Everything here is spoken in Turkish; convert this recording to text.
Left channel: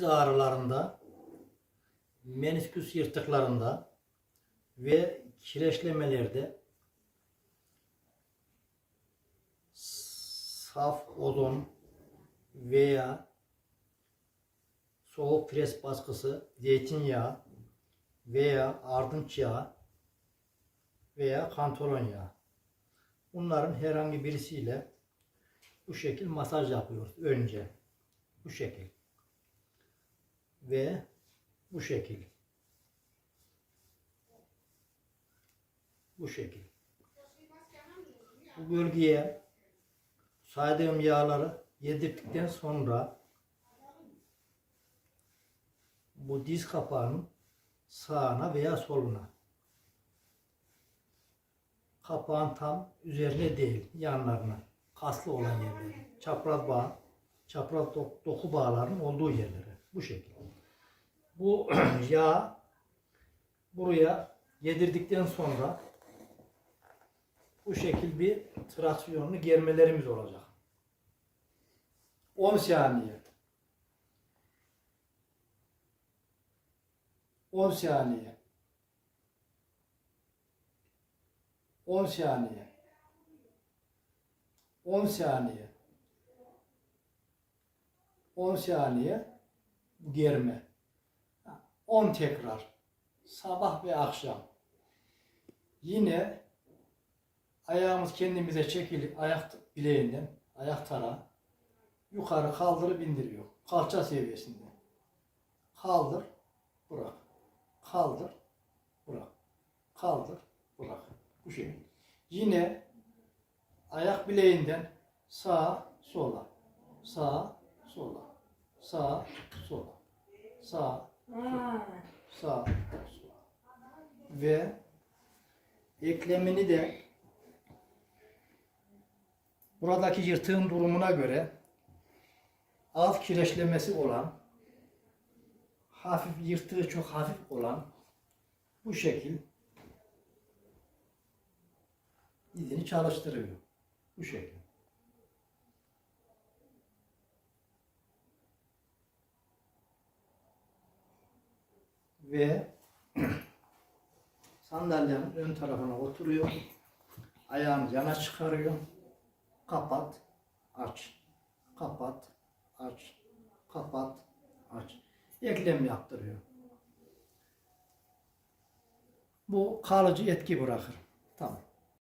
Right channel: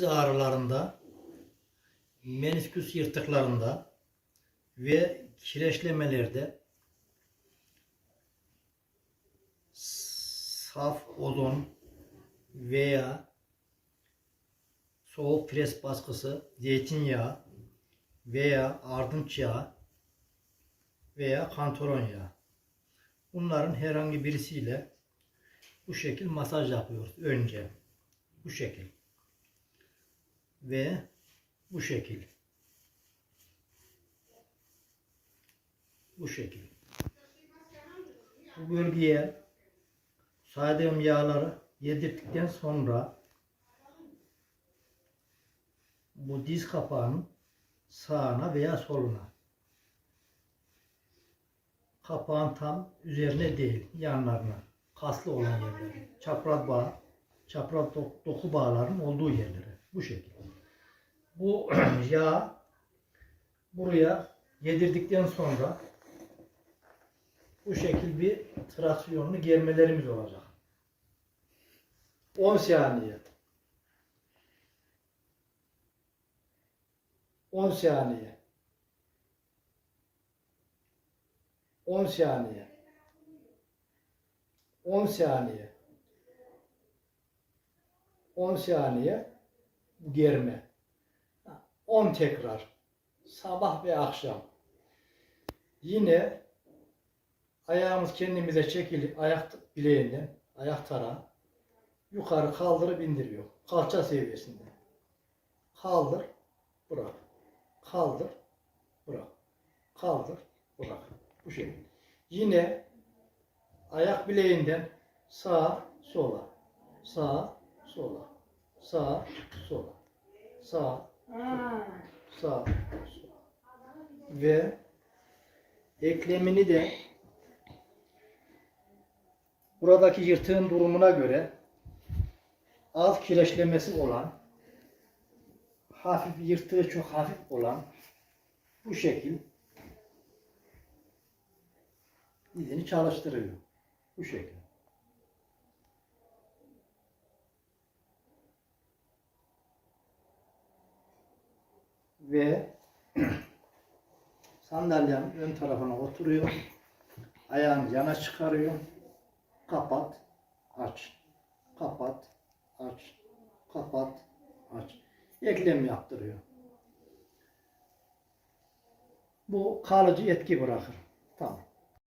diz ağrılarında, menisküs yırtıklarında ve kireçlemelerde saf odun veya soğuk pres baskısı, zeytinyağı veya ardınç yağı veya kantoron yağı. Bunların herhangi birisiyle bu şekil masaj yapıyoruz önce. Bu şekil ve bu şekil. Bu şekil. Bu bölgeye saydığım yağları yedirdikten sonra bu diz kapağının sağına veya soluna kapağın tam üzerine değil yanlarına kaslı olan yerlere çapraz bağ çapraz doku bağların olduğu yerlere bu şekilde bu yağ buraya yedirdikten sonra bu şekil bir traksiyonlu germelerimiz olacak. 10 saniye. 10 saniye. 10 saniye. 10 saniye. 10 saniye germe. 10 tekrar. Sabah ve akşam. Yine ayağımız kendimize çekilip ayak bileğinden ayak tara yukarı kaldırıp indiriyor. Kalça seviyesinde. Kaldır, bırak. Kaldır, bırak. Kaldır, bırak. Bu şekilde. Yine ayak bileğinden sağa sola, sağa sola, sağa sola, sağa Ha. Sağ. Ve eklemini de buradaki yırtığın durumuna göre az kireçlemesi olan hafif yırtığı çok hafif olan bu şekil izini çalıştırıyor. Bu şekil. ve sandalyenin ön tarafına oturuyor. Ayağını yana çıkarıyor. Kapat, aç. Kapat, aç. Kapat, aç. Eklem yaptırıyor. Bu kalıcı etki bırakır.